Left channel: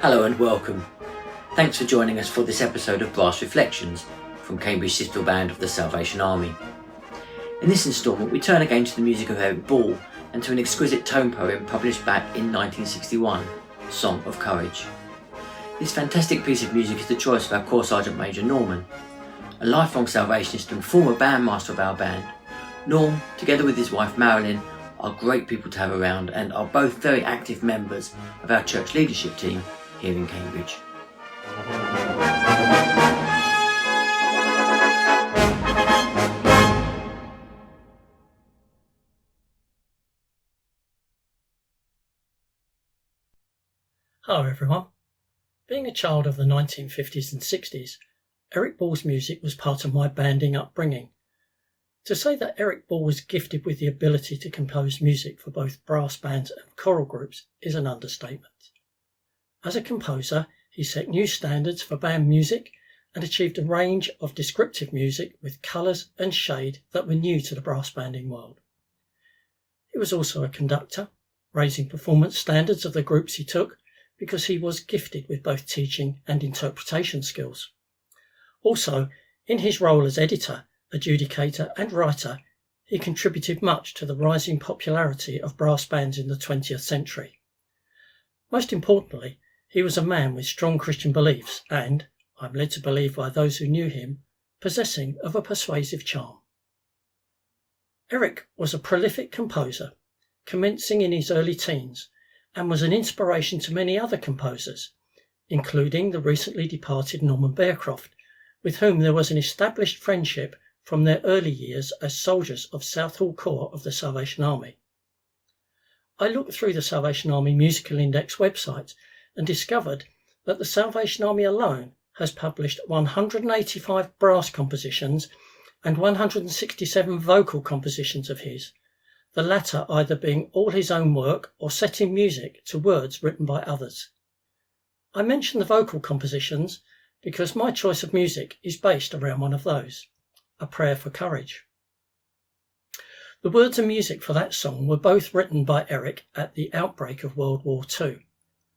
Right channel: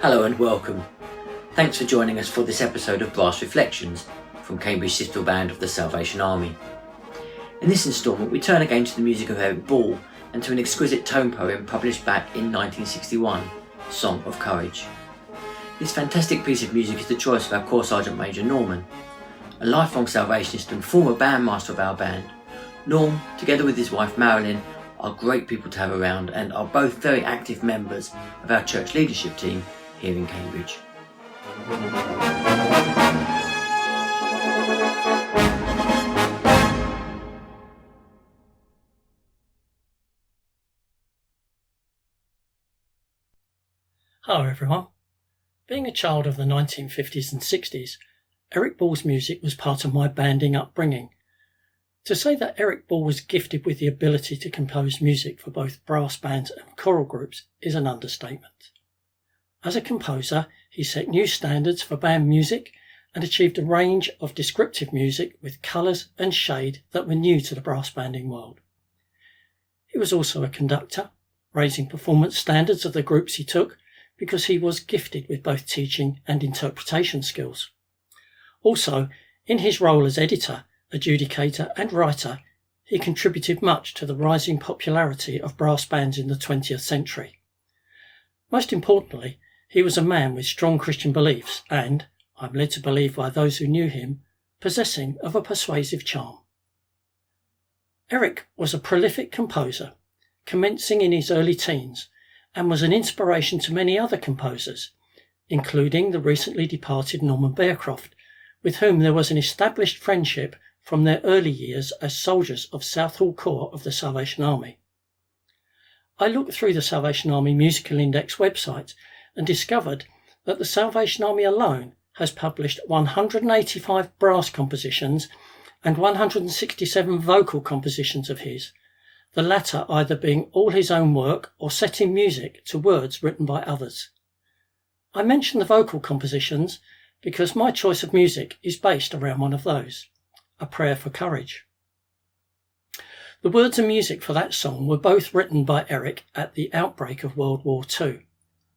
Hello and welcome. Thanks for joining us for this episode of Brass Reflections from Cambridge Citadel Band of the Salvation Army. In this instalment we turn again to the music of Eric Ball and to an exquisite tone poem published back in 1961, Song of Courage. This fantastic piece of music is the choice of our Corps Sergeant Major Norman, a lifelong Salvationist and former bandmaster of our band. Norm, together with his wife Marilyn, are great people to have around and are both very active members of our church leadership team here in Cambridge. Hello everyone. Being a child of the 1950s and 60s, Eric Ball's music was part of my banding upbringing. To say that Eric Ball was gifted with the ability to compose music for both brass bands and choral groups is an understatement. As a composer, he set new standards for band music and achieved a range of descriptive music with colours and shade that were new to the brass banding world. He was also a conductor, raising performance standards of the groups he took because he was gifted with both teaching and interpretation skills. Also, in his role as editor, adjudicator and writer, he contributed much to the rising popularity of brass bands in the 20th century. Most importantly, he was a man with strong Christian beliefs and, I'm led to believe by those who knew him, possessing of a persuasive charm. Eric was a prolific composer, commencing in his early teens, and was an inspiration to many other composers, including the recently departed Norman Bearcroft, with whom there was an established friendship from their early years as soldiers of Southall Corps of the Salvation Army. I looked through the Salvation Army Musical Index website and discovered that the Salvation Army alone has published 185 brass compositions and 167 vocal compositions of his, the latter either being all his own work or setting music to words written by others. I mention the vocal compositions because my choice of music is based around one of those, A Prayer for Courage. The words and music for that song were both written by Eric at the outbreak of World War II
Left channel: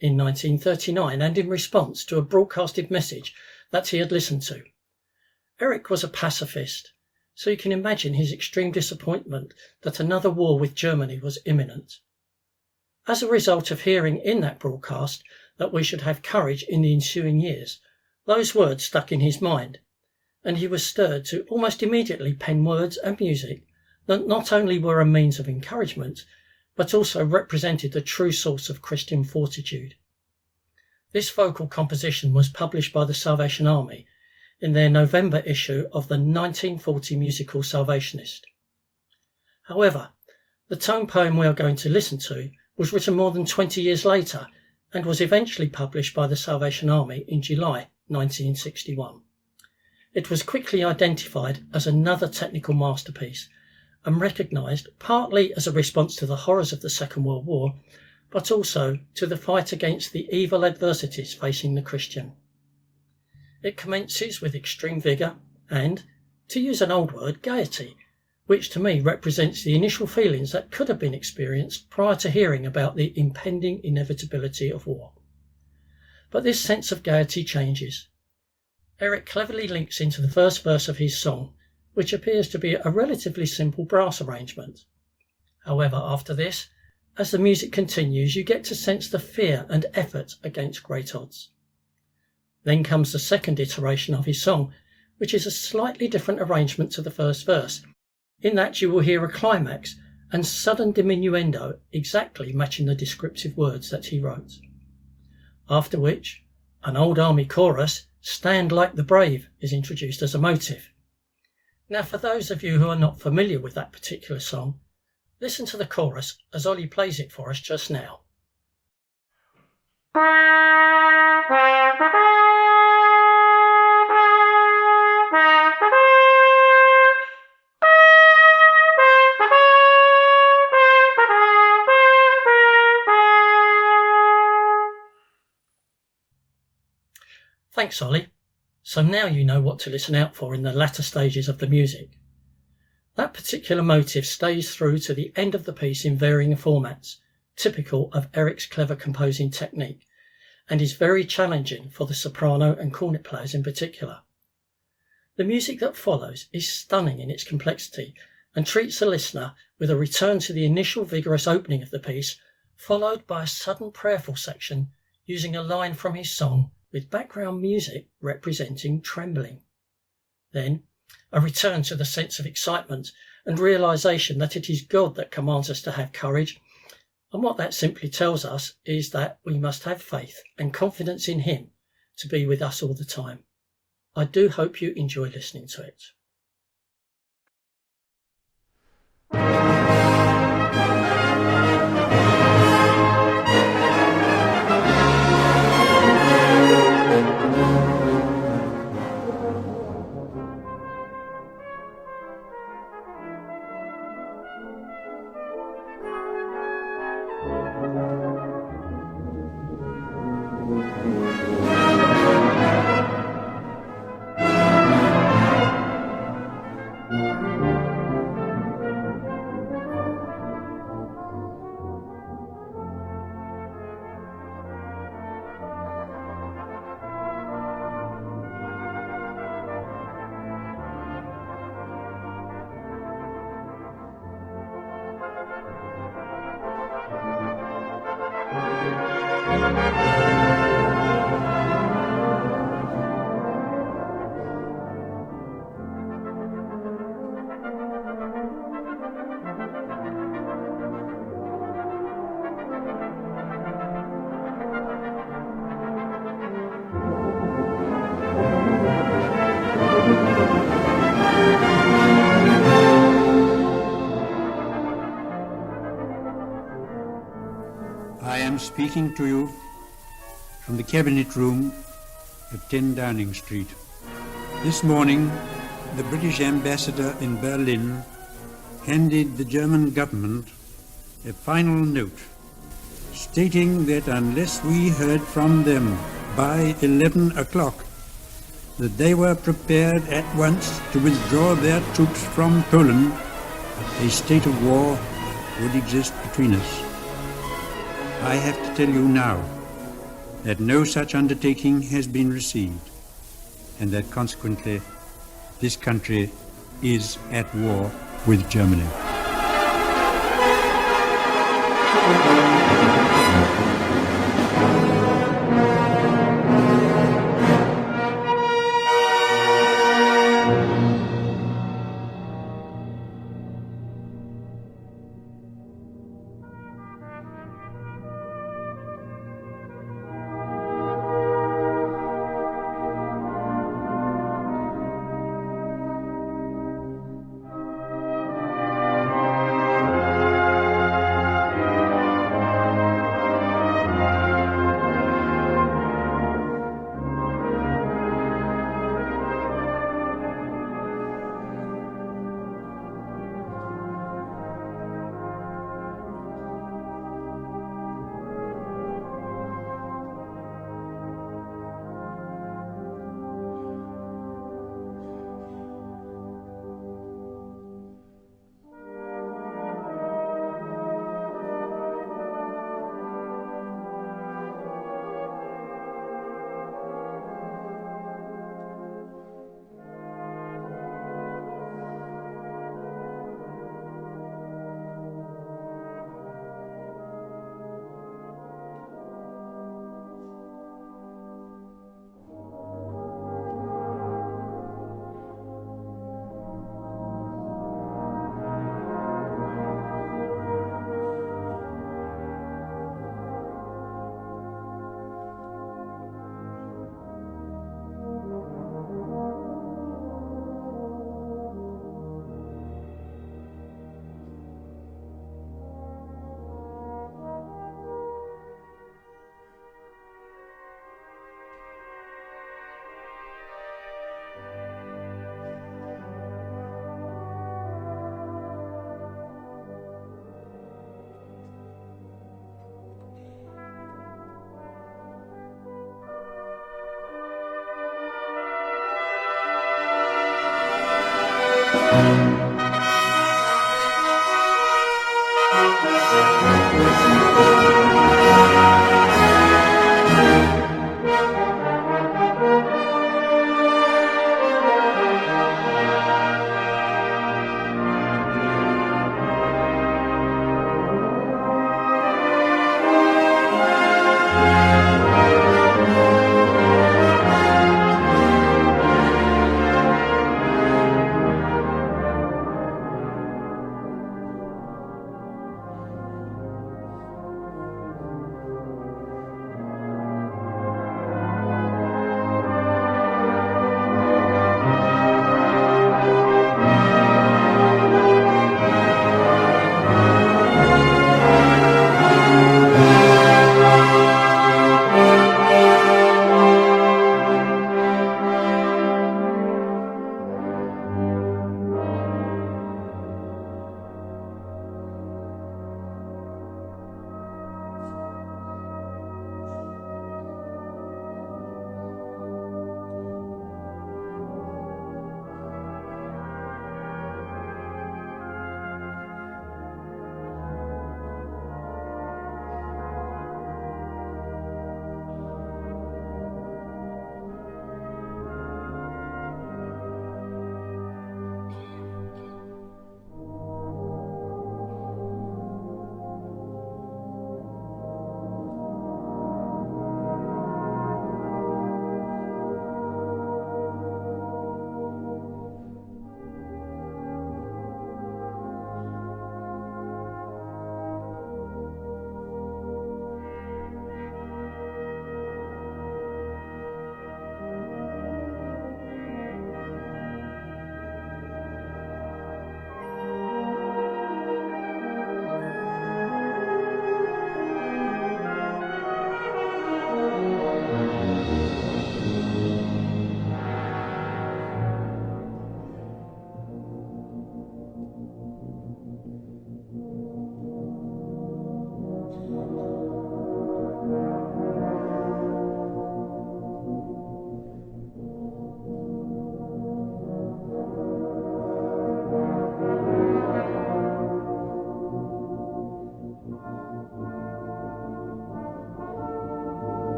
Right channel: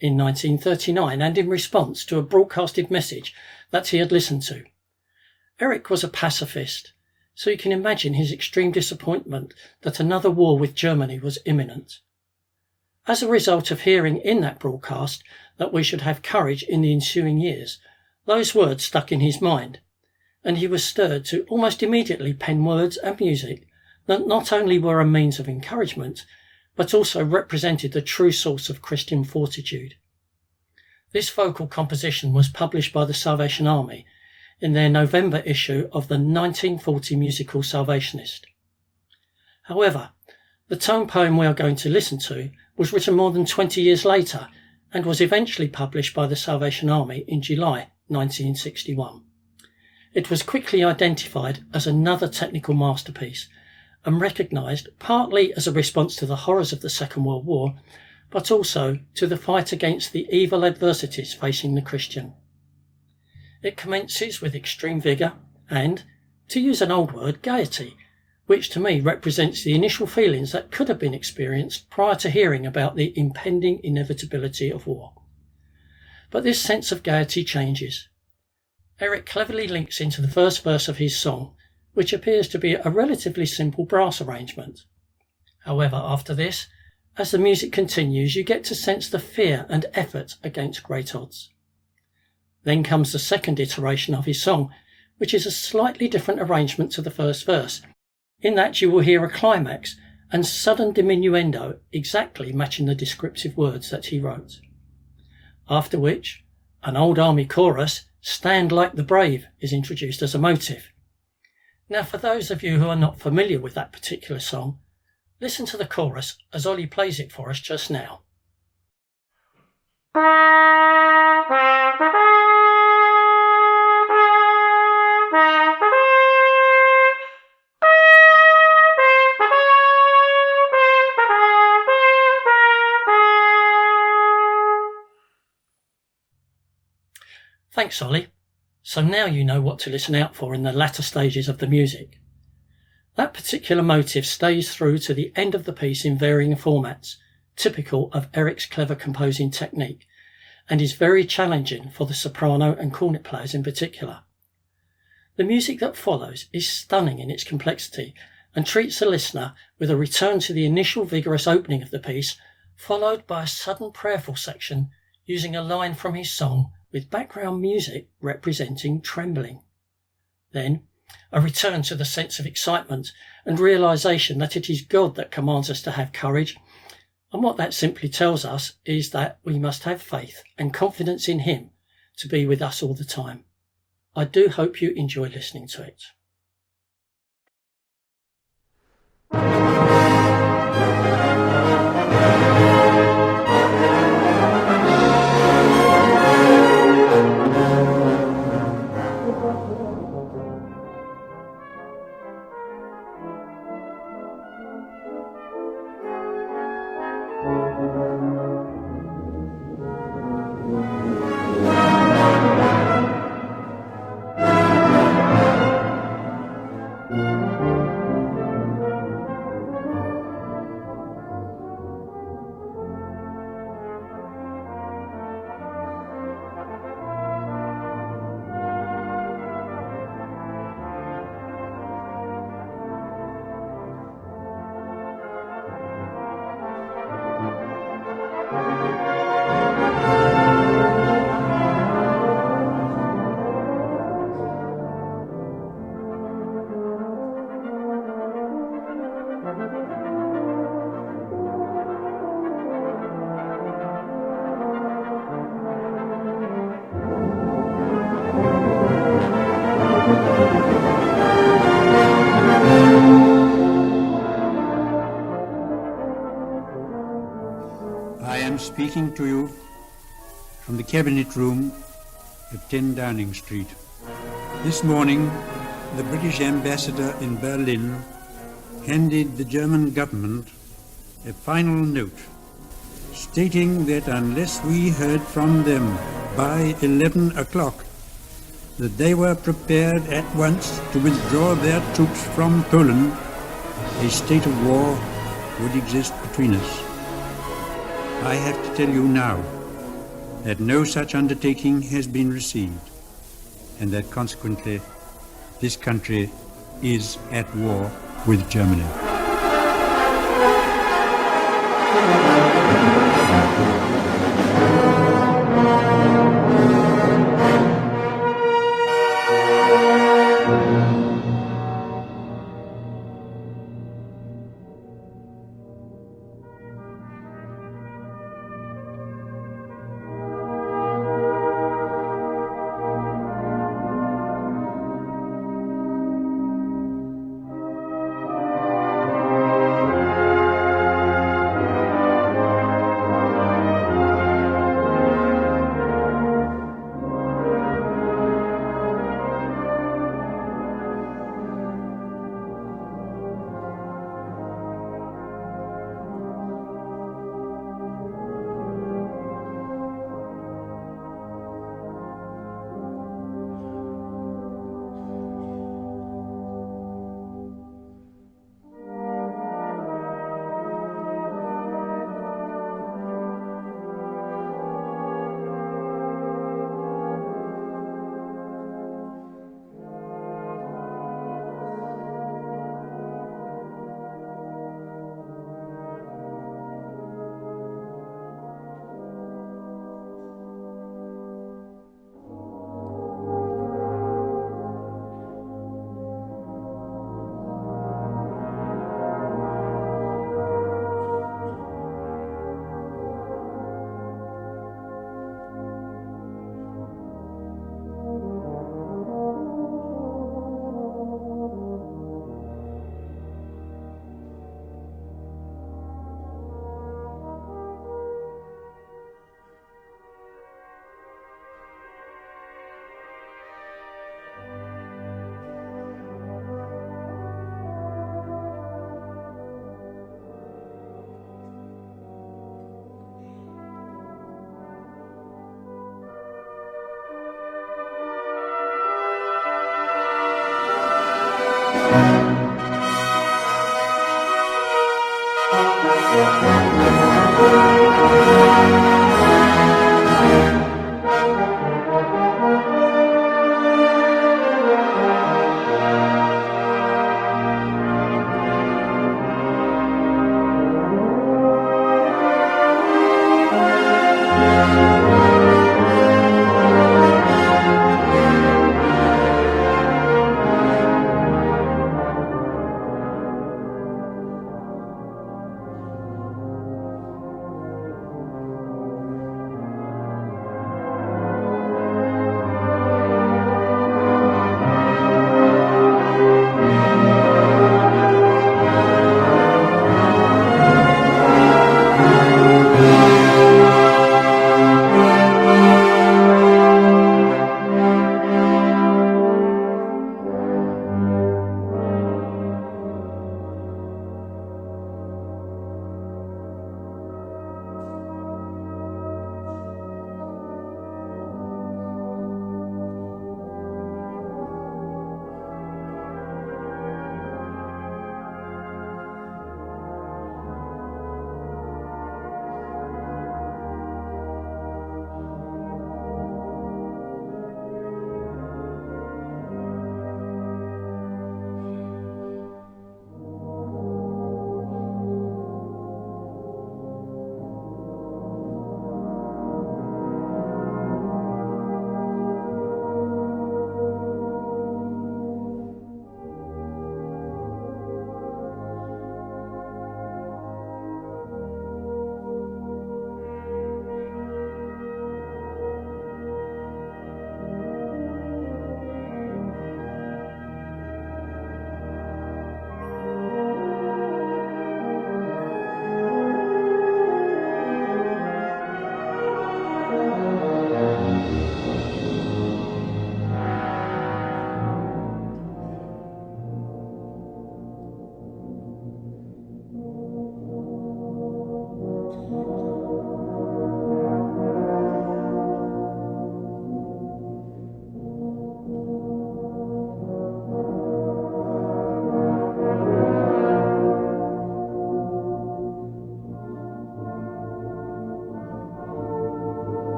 in 1939 and in response to a broadcasted message that he had listened to. Eric was a pacifist, so you can imagine his extreme disappointment that another war with Germany was imminent. As a result of hearing in that broadcast that we should have courage in the ensuing years, those words stuck in his mind, and he was stirred to almost immediately pen words and music that not only were a means of encouragement, but also represented the true source of Christian fortitude. This vocal composition was published by the Salvation Army in their November issue of the 1940 musical Salvationist. However, the tone poem we are going to listen to was written more than 20 years later and was eventually published by the Salvation Army in July 1961. It was quickly identified as another technical masterpiece and recognised partly as a response to the horrors of the Second World War, but also to the fight against the evil adversities facing the Christian. It commences with extreme vigour and, to use an old word, gaiety, which to me represents the initial feelings that could have been experienced prior to hearing about the impending inevitability of war. But this sense of gaiety changes. Eric cleverly links into the first verse of his song, which appears to be a relatively simple brass arrangement. However, after this, as the music continues, you get to sense the fear and effort against great odds. Then comes the second iteration of his song, which is a slightly different arrangement to the first verse, in that you will hear a climax and sudden diminuendo exactly matching the descriptive words that he wrote. After which, an old army chorus, Stand Like the Brave, is introduced as a motive. Now, for those of you who are not familiar with that particular song, listen to the chorus as Ollie plays it for us just now. Thanks, Ollie. So now you know what to listen out for in the latter stages of the music. That particular motive stays through to the end of the piece in varying formats, typical of Eric's clever composing technique, and is very challenging for the soprano and cornet players in particular. The music that follows is stunning in its complexity and treats the listener with a return to the initial vigorous opening of the piece, followed by a sudden prayerful section using a line from his song with background music representing trembling. Then, a return to the sense of excitement and realization that it is God that commands us to have courage, and what that simply tells us is that we must have faith and confidence in Him to be with us all the time. I do hope you enjoy listening to it. I am speaking to you from the Cabinet Room at 10 Downing Street. This morning, the British ambassador in Berlin handed the German government a final note stating that unless we heard from them by 11 o'clock, that they were prepared at once to withdraw their troops from Poland, a state of war would exist between us. I have to tell you now that no such undertaking has been received, and that consequently this country is at war with Germany.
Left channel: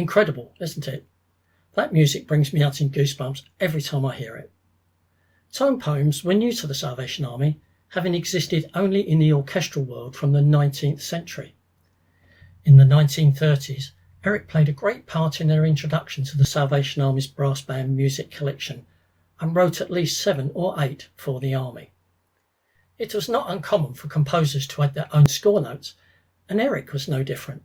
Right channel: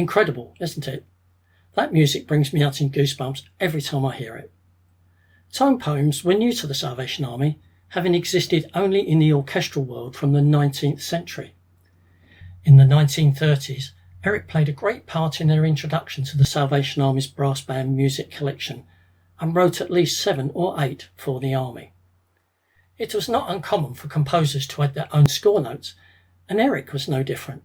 Incredible, isn't it? That music brings me out in goosebumps every time I hear it. Tone poems were new to the Salvation Army, having existed only in the orchestral world from the 19th century. In the 1930s, Eric played a great part in their introduction to the Salvation Army's brass band music collection and wrote at least 7 or 8 for the Army. It was not uncommon for composers to add their own score notes, and Eric was no different.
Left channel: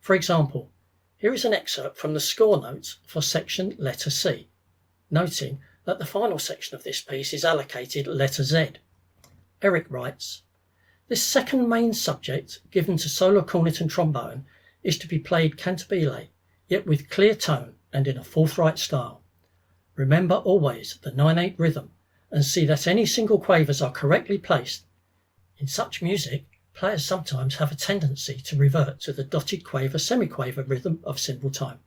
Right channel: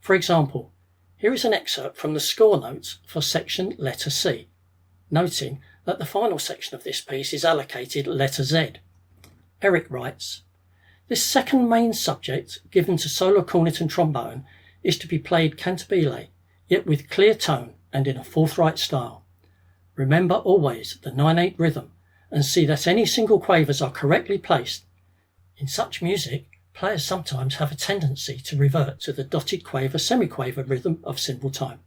For example, here is an excerpt from the score notes for section letter C, noting that the final section of this piece is allocated letter Z. Eric writes, "This second main subject given to solo cornet and trombone is to be played cantabile, yet with clear tone and in a forthright style. Remember always the 9/8 rhythm and see that any single quavers are correctly placed. In such music, players sometimes have a tendency to revert to the dotted quaver semiquaver rhythm of simple time."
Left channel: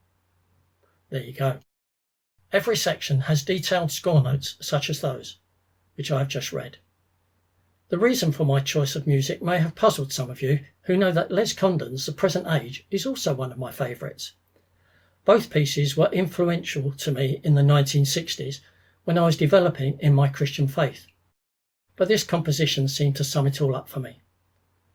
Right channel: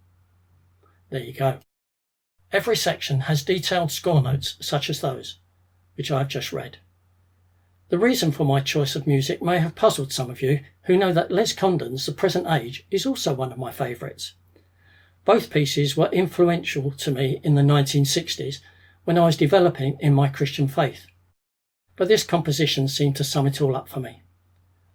There you go. Every section has detailed score notes such as those, which I have just read. The reason for my choice of music may have puzzled some of you who know that Les Condon's The Present Age is also one of my favourites. Both pieces were influential to me in the 1960s when I was developing in my Christian faith. But this composition seemed to sum it all up for me.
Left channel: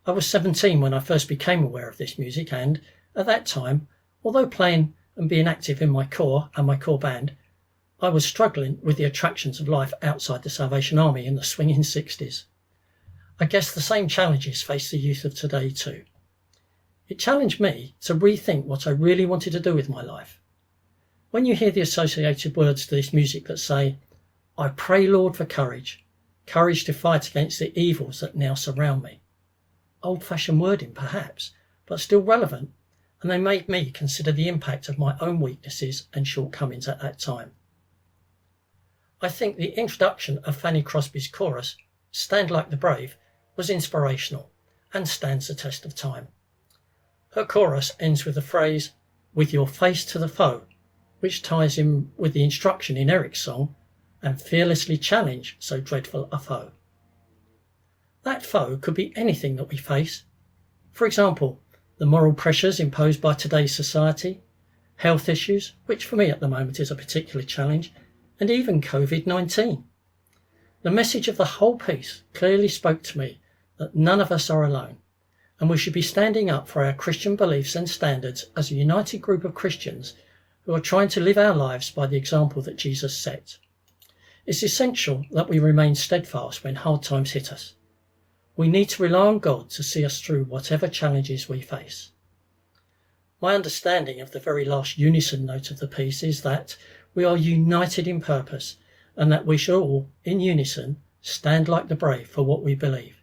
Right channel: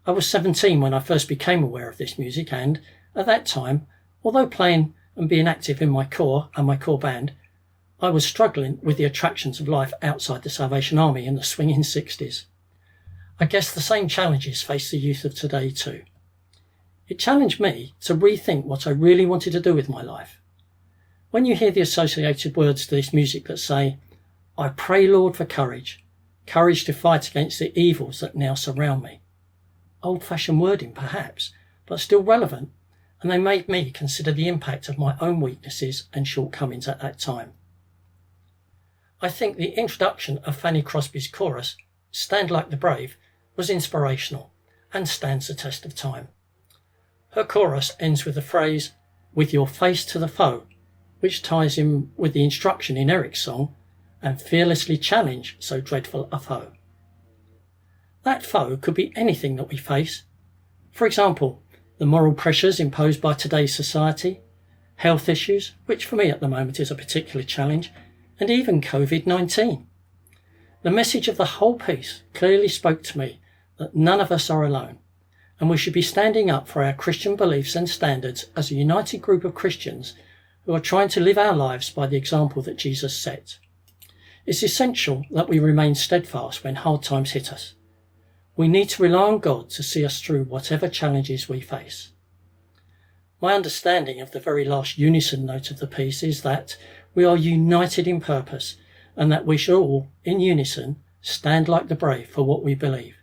I was 17 when I first became aware of this music and, at that time, although playing and being active in my corps and my corps band, I was struggling with the attractions of life outside the Salvation Army in the swinging 60s. I guess the same challenges face the youth of today too. It challenged me to rethink what I really wanted to do with my life. When you hear the associated words to this music that say, "I pray, Lord, for courage to fight against the evils that now surround me." Old-fashioned wording perhaps, but still relevant, and they made me consider the impact of my own weaknesses and shortcomings at that time. I think the introduction of Fanny Crosby's chorus, "Stand Like the Brave," was inspirational and stands the test of time. Her chorus ends with the phrase, "with your face to the foe," which ties in with the instruction in Eric's song, "and fearlessly challenge so dreadful a foe." That foe could be anything that we face. For example, the moral pressures imposed by today's society, health issues, which for me at the moment is a particular challenge, and even COVID-19. The message of the whole piece clearly spoke to me that none of us are alone, and we should be standing up for our Christian beliefs and standards as a united group of Christians who are trying to live our lives by the example that Jesus set. It's essential that we remain steadfast when hard times hit us. We need to rely on God to see us through whatever challenges we face. My understanding of the very last unison note of the piece is that we are united in purpose and that we should all, in unison, stand like the brave for what we believe.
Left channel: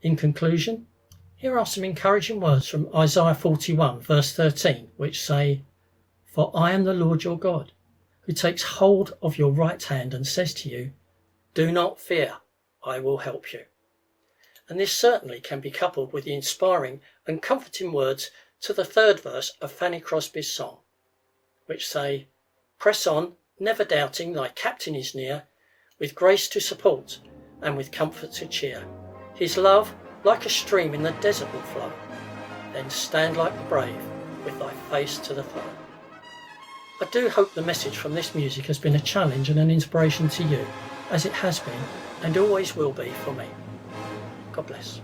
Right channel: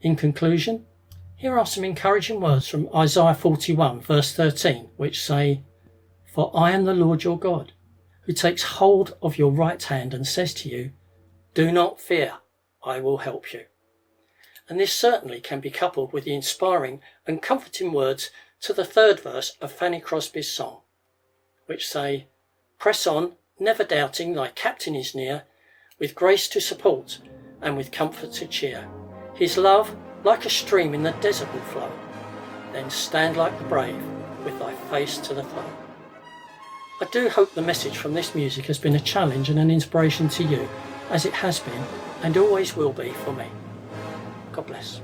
In conclusion, here are some encouraging words from Isaiah 41 verse 13, which say, "For I am the Lord your God, who takes hold of your right hand and says to you, 'Do not fear, I will help you.'" And this certainly can be coupled with the inspiring and comforting words to the 3rd verse of Fanny Crosby's song, which say, "Press on, never doubting thy captain is near, with grace to support and with comfort to cheer. His love, like a stream in the desert, will flow. Then stand like the brave, with thy face to the foe." I do hope the message from this music has been a challenge and an inspiration to you, as it has been and always will be for me. God bless.